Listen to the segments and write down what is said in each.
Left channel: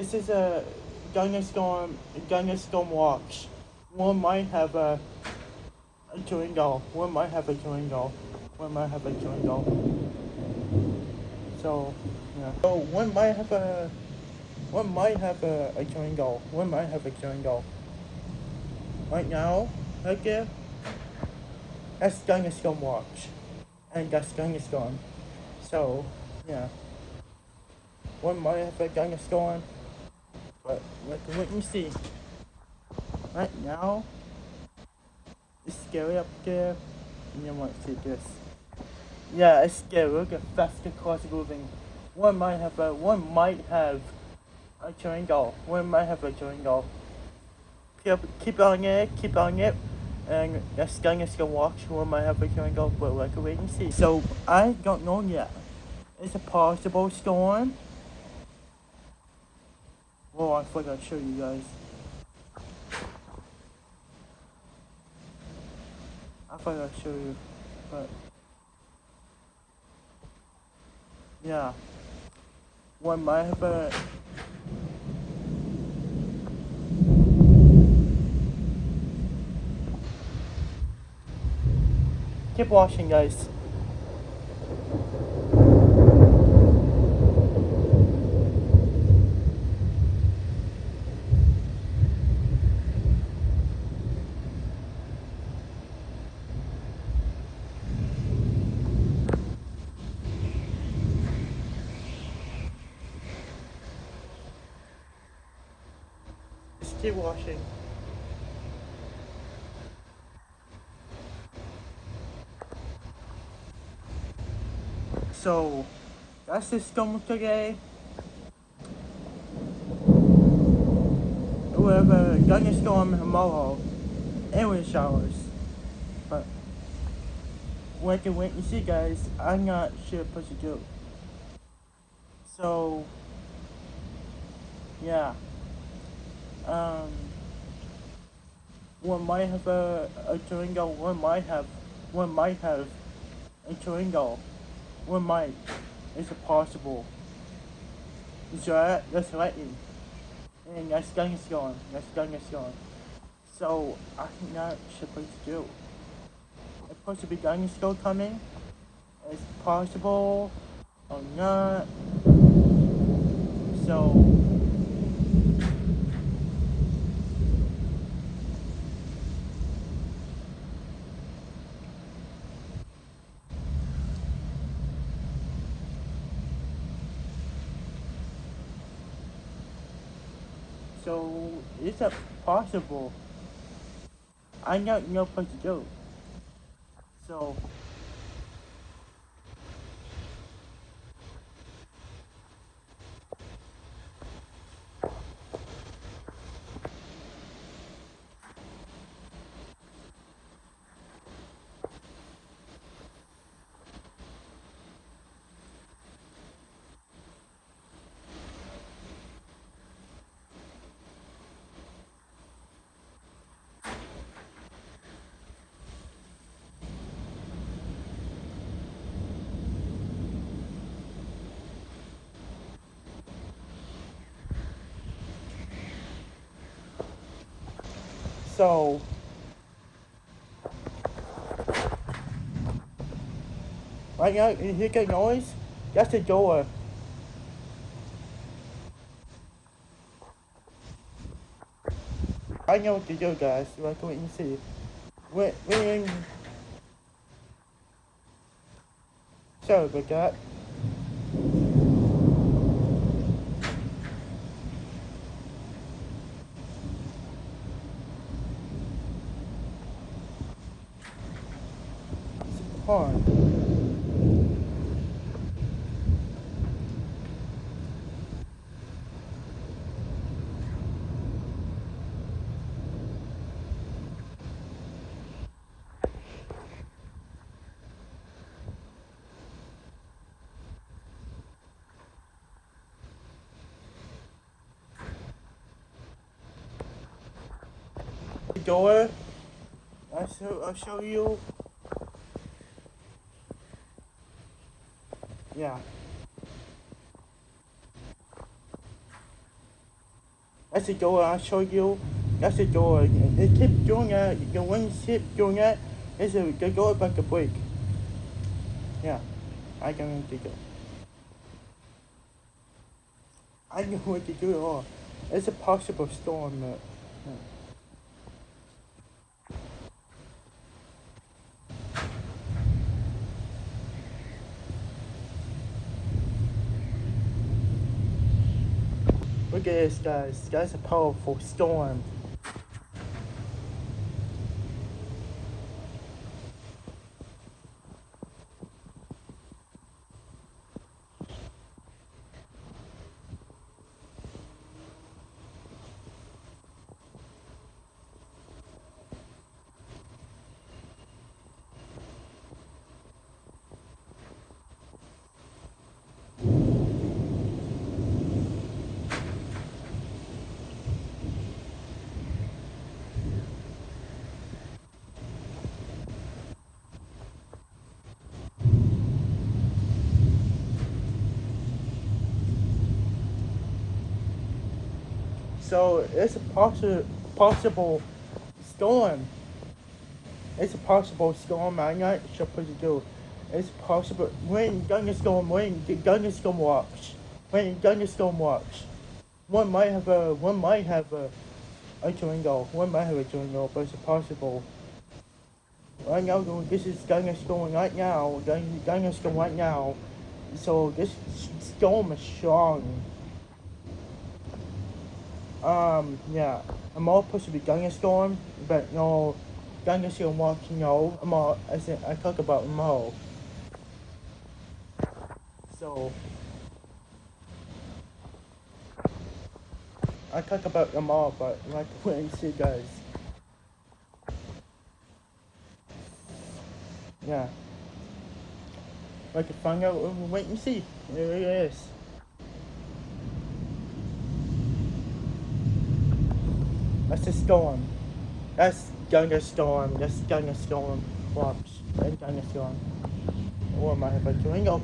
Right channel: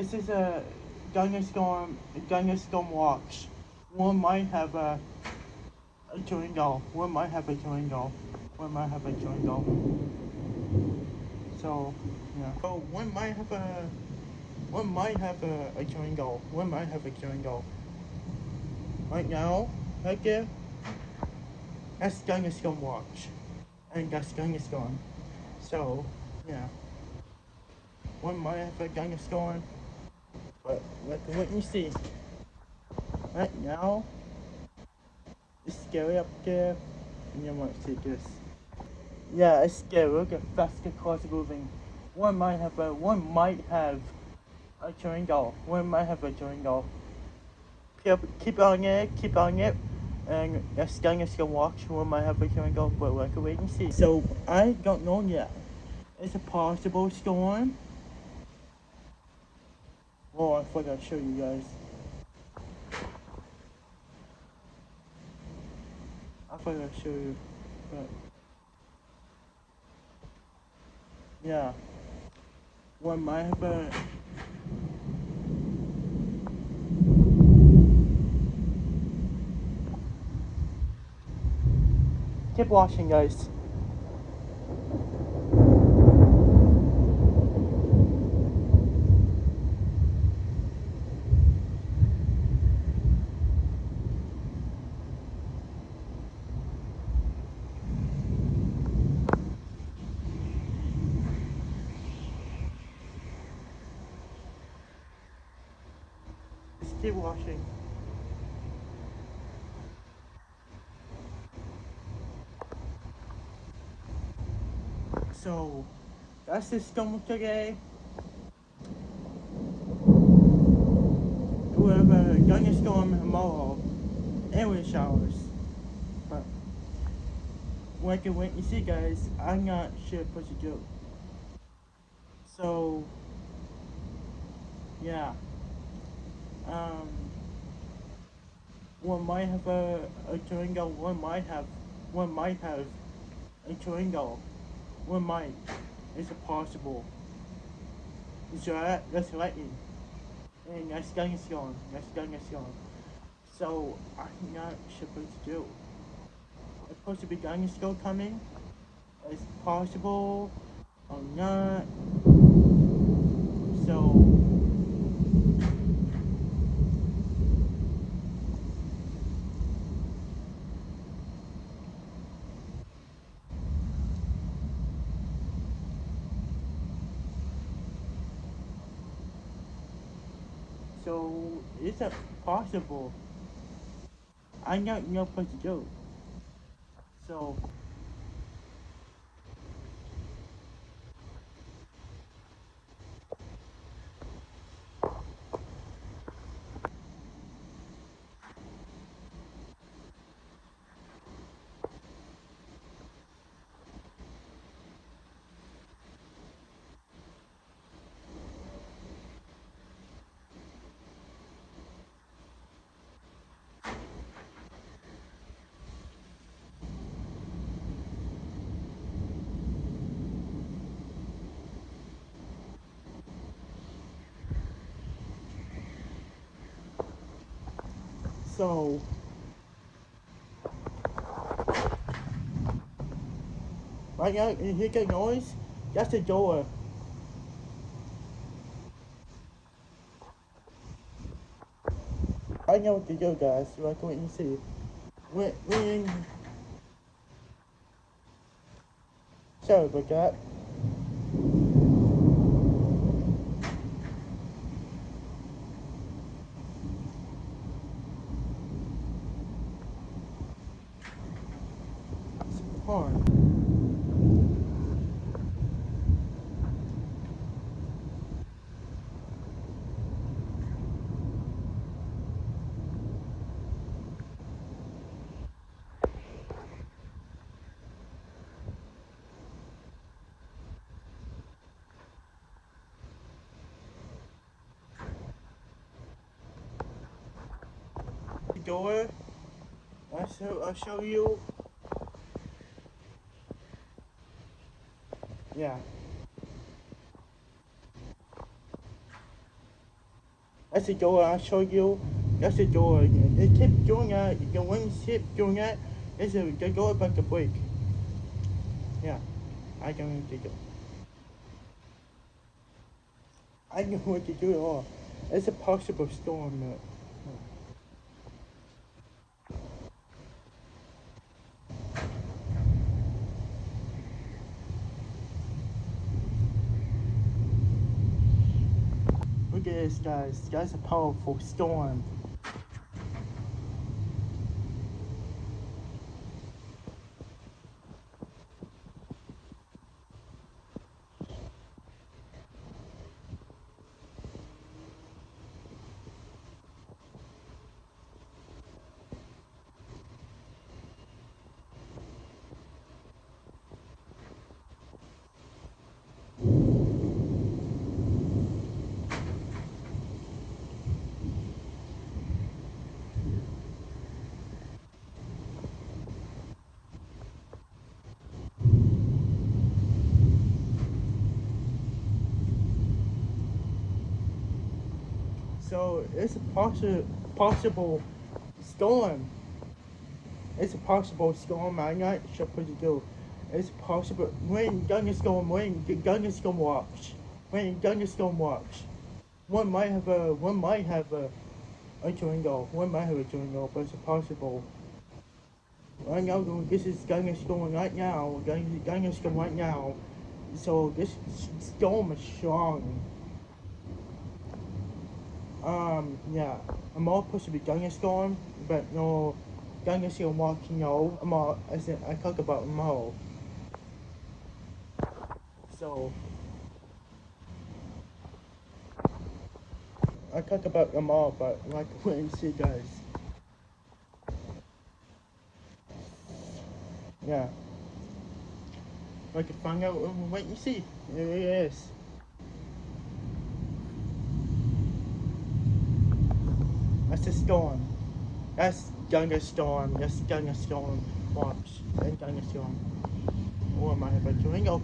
This is a Thunderstorm watch. One might have a chewing gum. One might have a chewing gum. One might have a chewing gum. So yeah. So one might have a chewing gum. One might have a chewing gum. Right now, right there, that's Thunderstorm watch. And that's Thunderstorm. So yeah. One might have a Thunderstorm. But let me see. Right now, it's scary up there. And you want to see this. Yeah, it's scary. Look at faster cars moving. One might have a triangle. One might have a triangle. Keep on it. And that's going to watch. One might have a triangle, but we can wait and see. So I don't know yet. It's a possible storm. Oh, I forgot to show you guys. I forgot to show you, but yeah, one might have a. Keep watching, guys. Just keep watching. So, that's the storm today. We have a thunderstorm tomorrow and with showers. But, we can wait and see, guys. I'm not sure what to do. So, yeah. One might have a tornado, one might have a tornado. One might. It's possible. So that's lightning. And that's thunderstorm. So I'm not supposed to do. It's supposed to be thunderstorm coming. It's possible or not. So it's not possible. I don't know what to do. So So, right now, you hear that noise? That's the door. I know what to do, guys. Let's wait and see. We're in. Sorry about that. Hold on. The door. I'll show you. Yeah. That's the door I showed you. That's the door. It keeps doing that. The wind keeps doing that. The door about to break. Yeah, I don't think it. I know what to do at all. It's a possible storm. Look at this, guys. That's a powerful storm. So it's a possible storm. It's a possible storm. I'm not sure what to do. It's possible when thunderstorm, when the thunderstorm walks, when the thunderstorm walks. One might have a tornado. One might have a tornado, but it's possible. Right now, this is thunderstorm right now. Thunderstorm right now. So this storm is strong. Yeah. I'm all supposed to be thunderstorm, but no, thunderstorm walks. No, I'm all. I talk about tomorrow. So I talk about them all, but like when she does. Yeah. I can find out, wait and see. There it is. That's a storm. That's thunderstorm. That's thunderstorm. Walks. And thunderstorm. Or might have a tornado.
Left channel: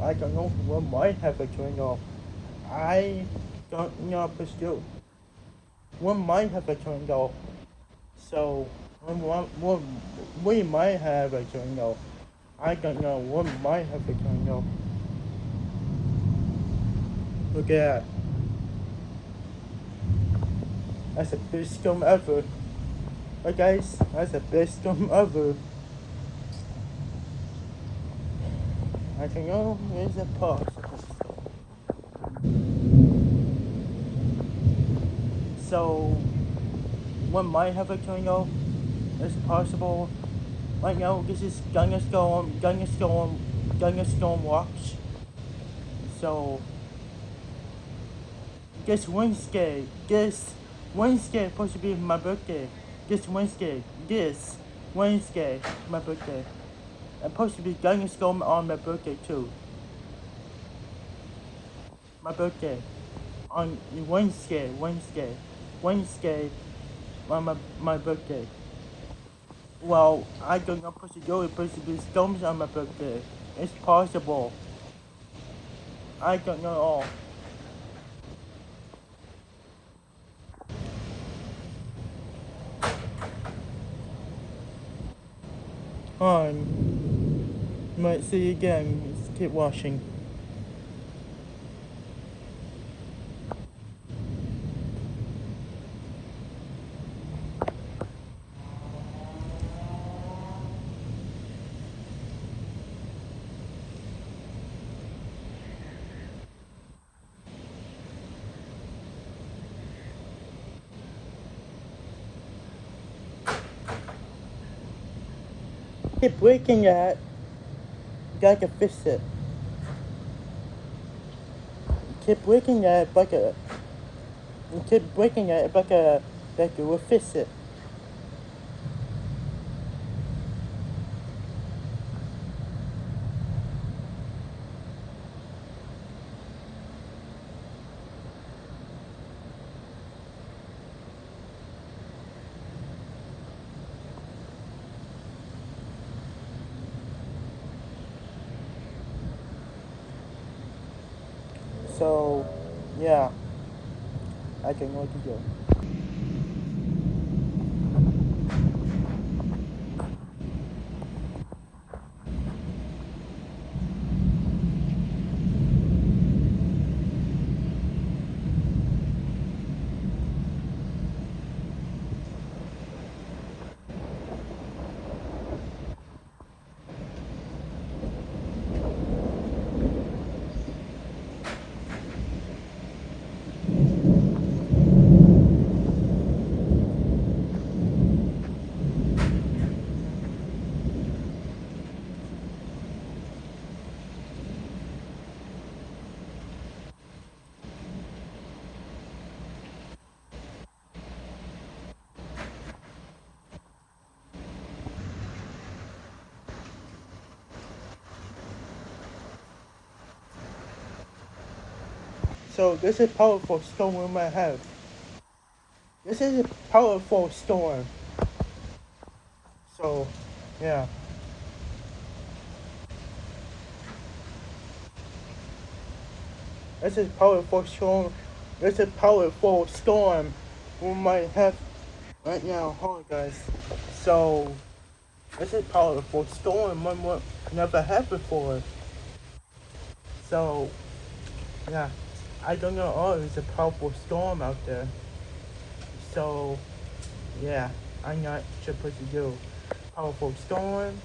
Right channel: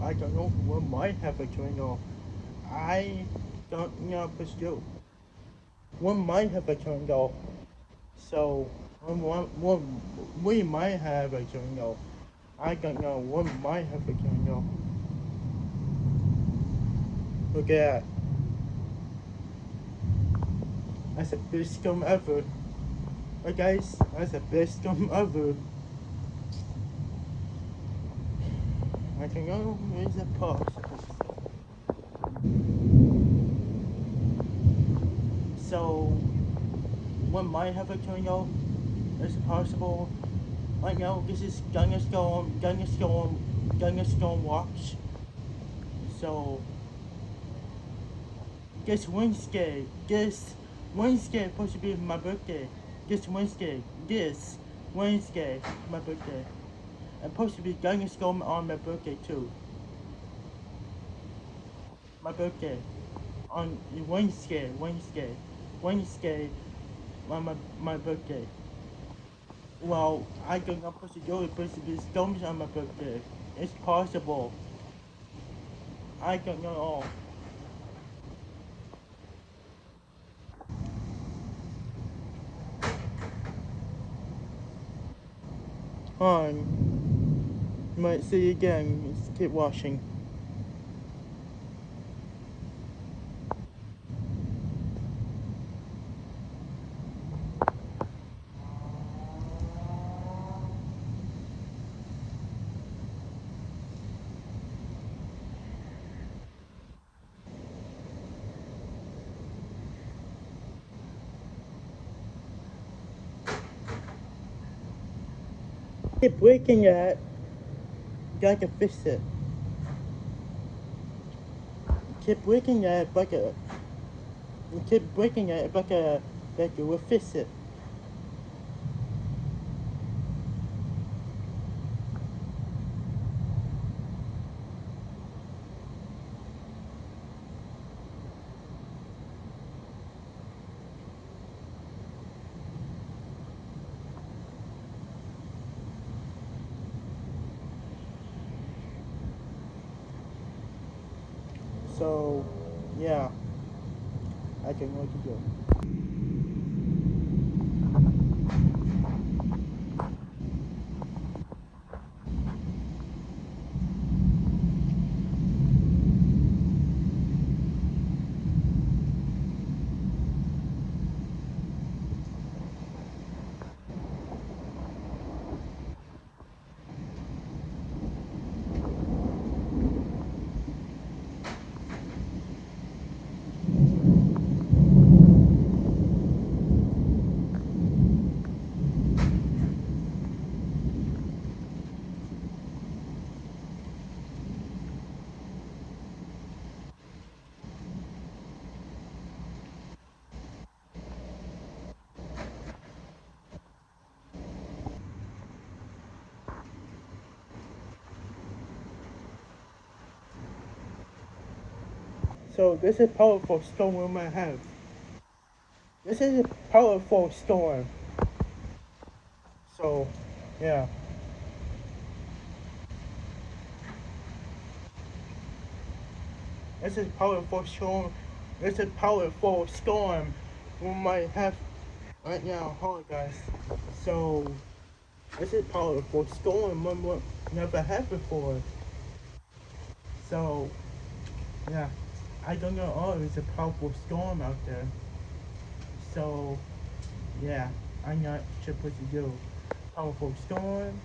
I don't know. One might have a tornado. I don't know, but still. One might have a tornado. So, we might have a tornado. I don't know. One might have a tornado. Look at that. That's the best storm ever. Alright guys, that's the best storm ever. I don't know, where's the possible? So, one might have a tornado. It's possible. Right now, this is thunderstorm watch. So, this Wednesday is supposed to be my birthday. This Wednesday, my birthday. I'm supposed to be thunderstorm on my birthday too. My birthday. On Wednesday, my birthday. Well, I don't know supposed to do it, supposed to be storms on my birthday. It's possible. I don't know all. On. Might see you again. Let's keep watching. Keep breaking that. You gotta fix it. Keep breaking that bucket. You keep breaking that bucket. That you will fix it. So, yeah. I don't know what to do. So this is powerful storm we might have. This is a powerful storm. So, yeah. This is powerful storm. This is powerful storm we might have right now. Hold on, guys. So, this is powerful storm we never had before. So, yeah. I don't know. Oh, it's a powerful storm out there. So, yeah. I'm not sure what to do. Powerful storm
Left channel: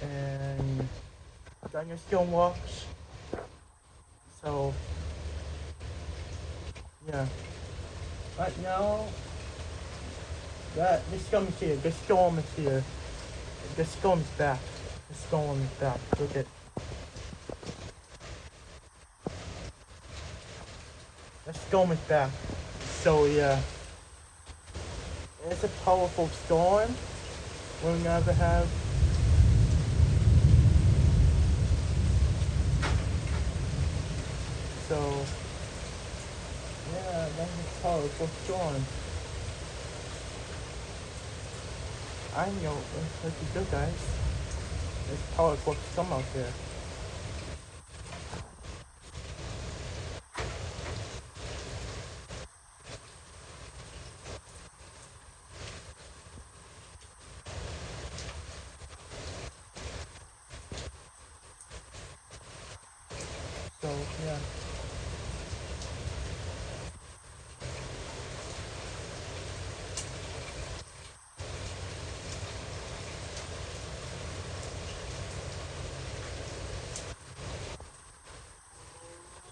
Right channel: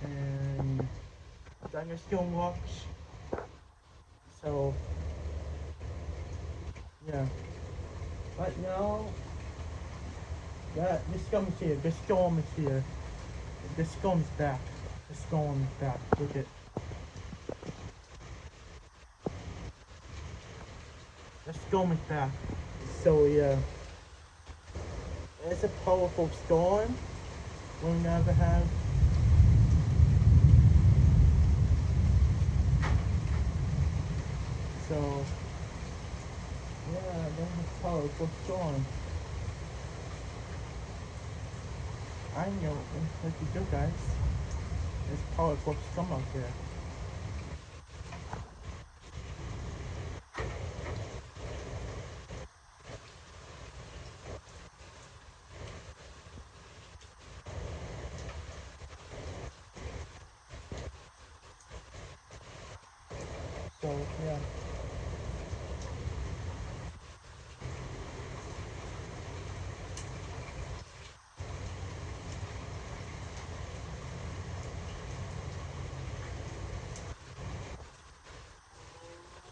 and thunderstorm watch. So, yeah. Right now, the storm's here. The storm is here. The storm's back. The storm is back. Look at. The storm is back. So yeah, it's a powerful storm. We'll never have. So yeah, that's a powerful storm. I know it's pretty good, guys. It's powerful storm out there. So yeah.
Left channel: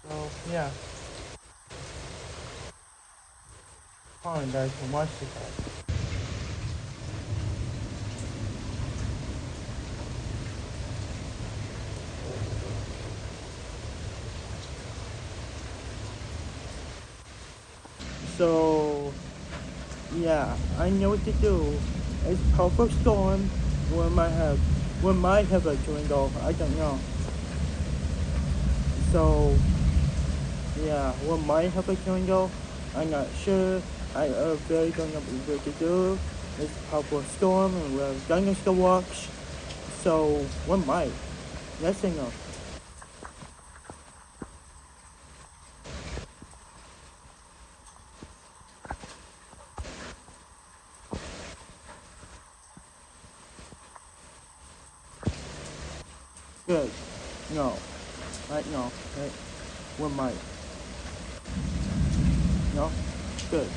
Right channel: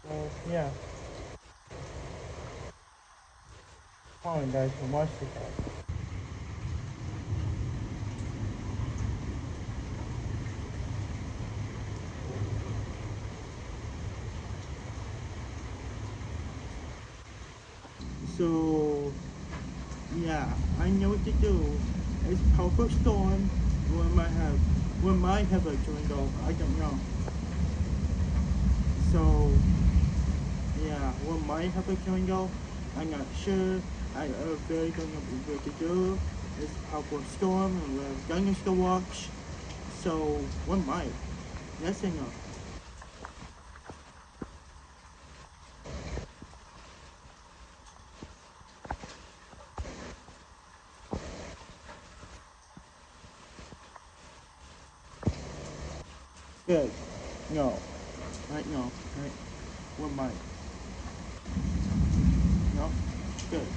So yeah. Hold on, guys. Watch this out. So yeah, I know what to do. It's powerful storm. We might have a dwindle. I don't know. So yeah, we might have a dwindle. I'm not sure. I really don't know what to do. It's powerful storm and we're going to watch. So we might. Yes or no? Good. No. Right? No. Right? We might. No. Good.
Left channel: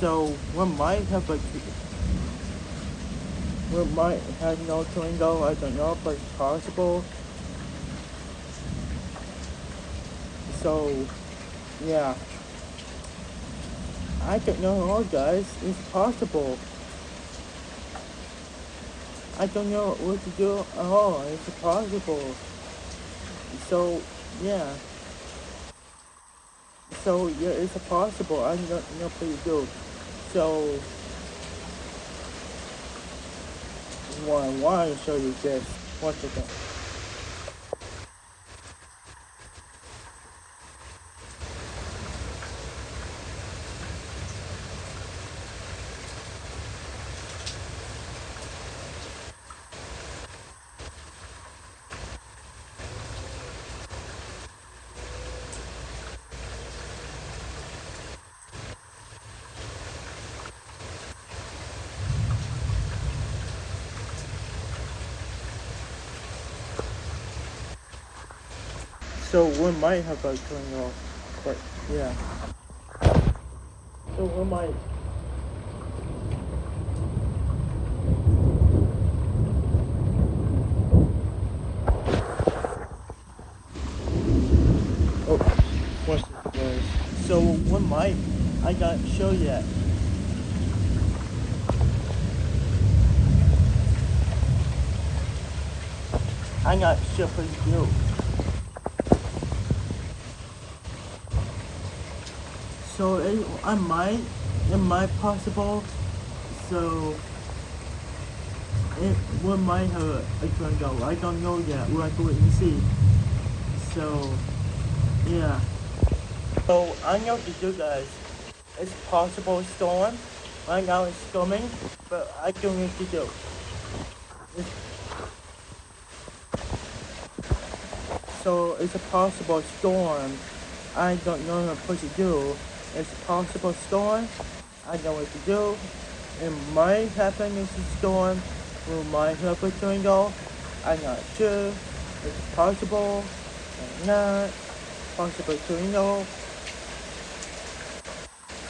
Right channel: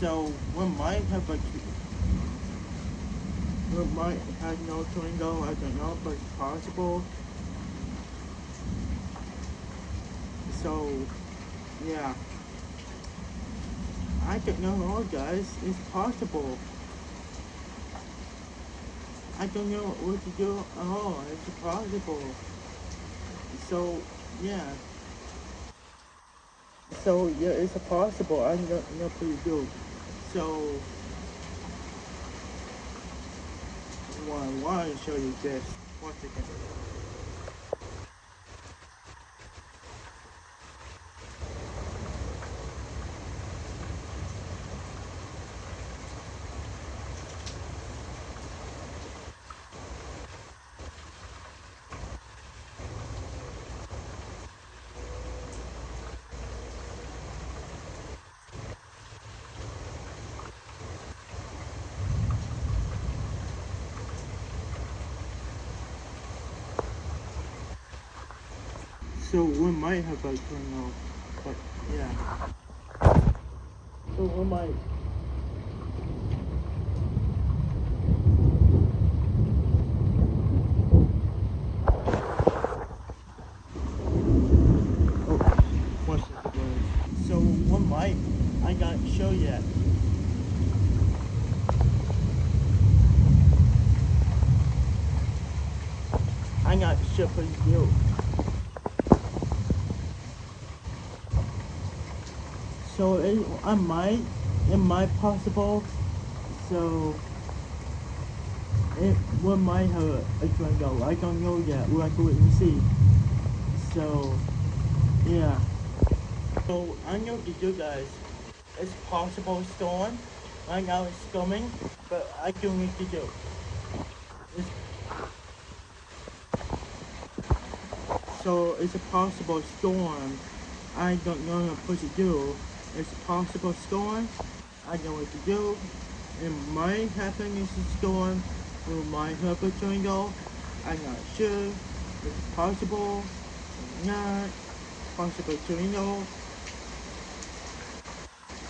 So we might have a. We might have no dwindle. I don't know, but it's possible. So yeah. I don't know, guys. It's possible. I don't know what to do at all. It's possible. So yeah. So yeah, it's possible. I don't know what to do. So why show you this? Watch again. So we might have a tornado, but yeah. So we might. Oh, once it goes. So we might. I can't show yet. I'm not sure for you. So it might possible. So we might have a tornado. I don't know yet. We'll have to wait and see. So yeah. So I know to you guys, it's possible storm. Right now it's storming, but I don't know what to do. It's, so it's a possible storm. I don't know what to do. It's a possible storm. I know what to do. It might happen as a storm. We might have a tornado. I'm not sure. It's possible. Or not. Possible tornado.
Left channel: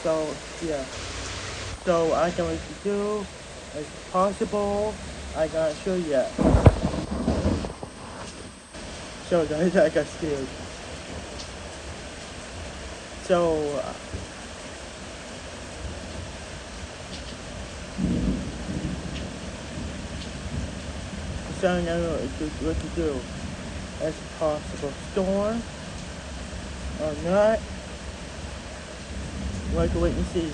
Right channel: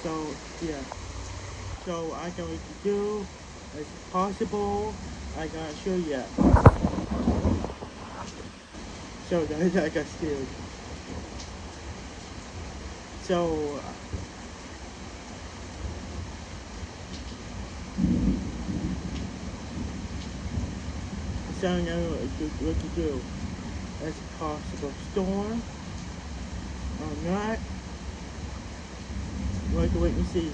So yeah. So I know what to do. It's possible. I'm not sure yet. So guys, I got scared. So so I know what to do. It's possible storm or not. We'll have to wait and see.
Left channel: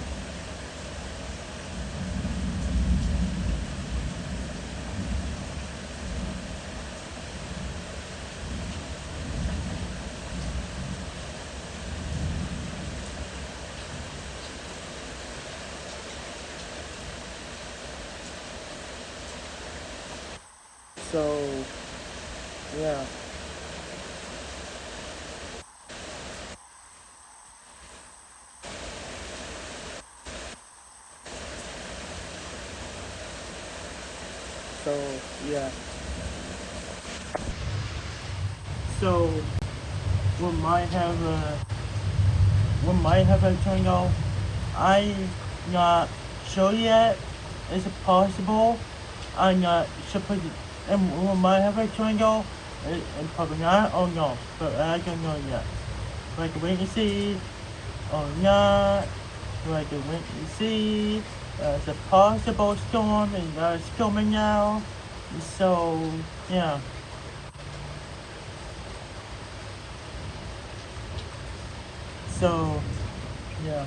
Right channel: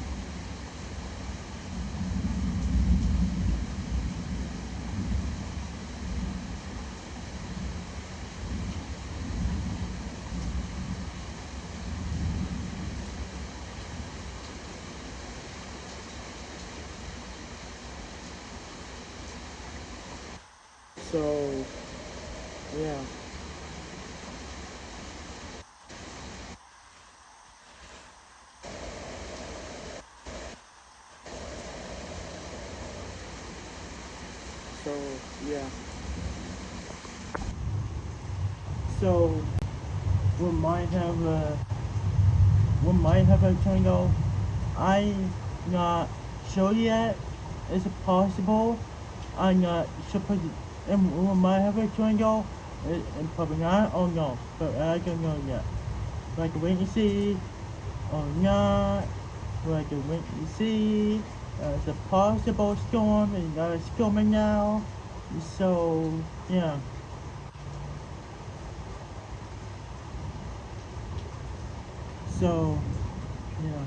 So yeah. So yeah. So we might have a tornado. I'm not sure yet. Is it possible? I'm not sure. And we might have a tornado. And probably not. Oh no, but I don't know yet. Like wait and see. Or not. Like wait and see. It's a possible storm, and it's coming now. So yeah. So yeah.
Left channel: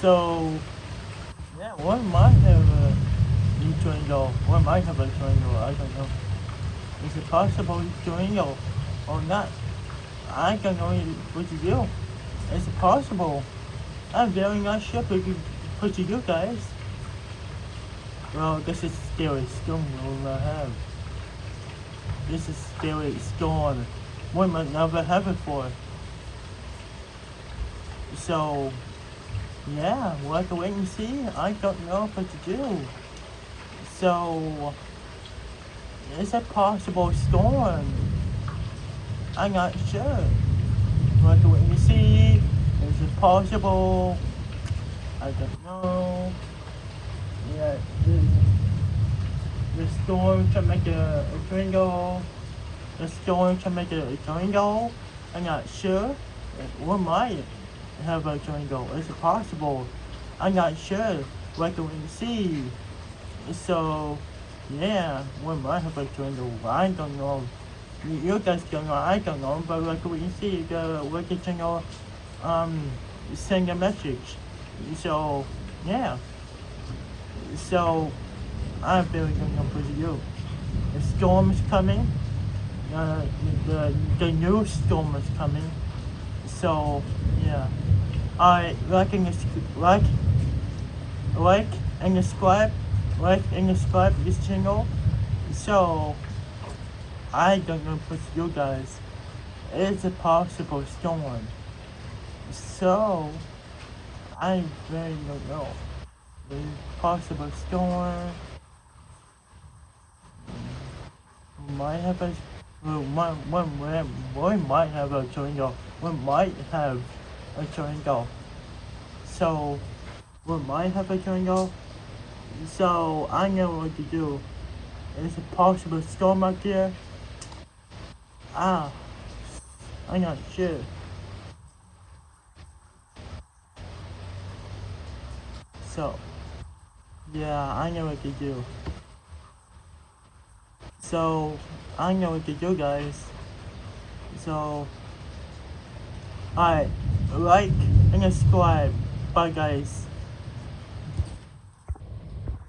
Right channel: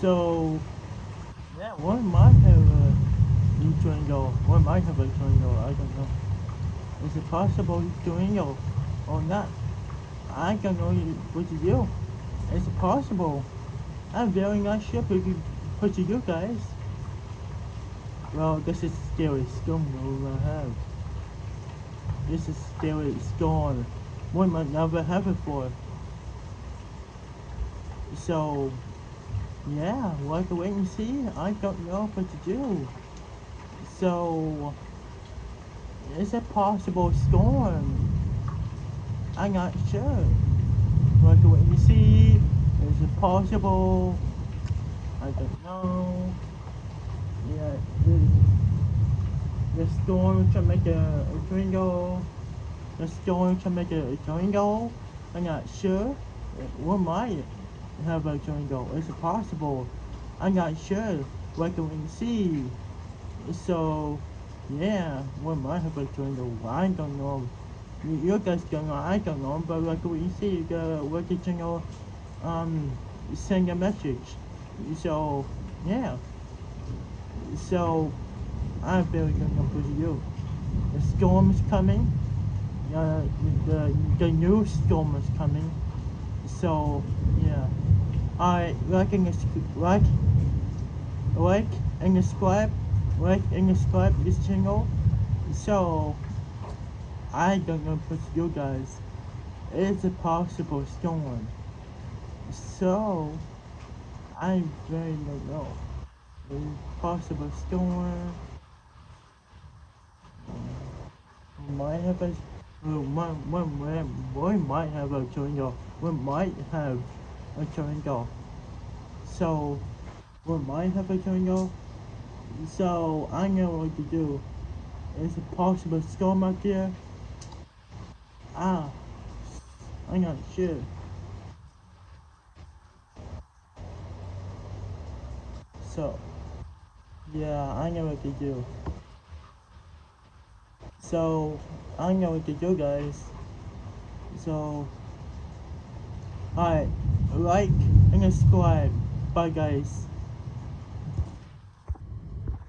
So yeah, one might have a tornado. One might have a tornado. I don't know. Is it possible tornado or not? I don't know what to do. Is it possible? I'm very not sure what to do, guys. Well, this is scary storm we'll have. This is scary storm. We might never have it before. So yeah, we'll have to wait and see. I don't know what to do. So it's a possible storm. I'm not sure. We'll have to wait and see. Is it possible? I don't know. Yeah, the storm can make a tornado. The storm can make a tornado. I'm not sure. We might have a tornado. Is it possible? I'm not sure. We'll have to wait and see. So, yeah, we might have a tornado. I don't know. You guys don't know. I don't know. But we'll have to wait and see. We'll get to know. Send a message. So, yeah. So, I really don't know what to do. The storm is coming. Uh, the new storm is coming. So, yeah. Alright, like and subscribe this channel. So, I don't know what to do, guys. it's a possible storm. So, I really don't know. The possible storm might have a one might have a tornado. One might have a tornado. So, one might have a tornado. So, I know what to do. Is a possible storm out there? Ah, I'm not sure. So, yeah, I know what to do. So, I know what to do, guys. So, alright, like and subscribe. Bye, guys.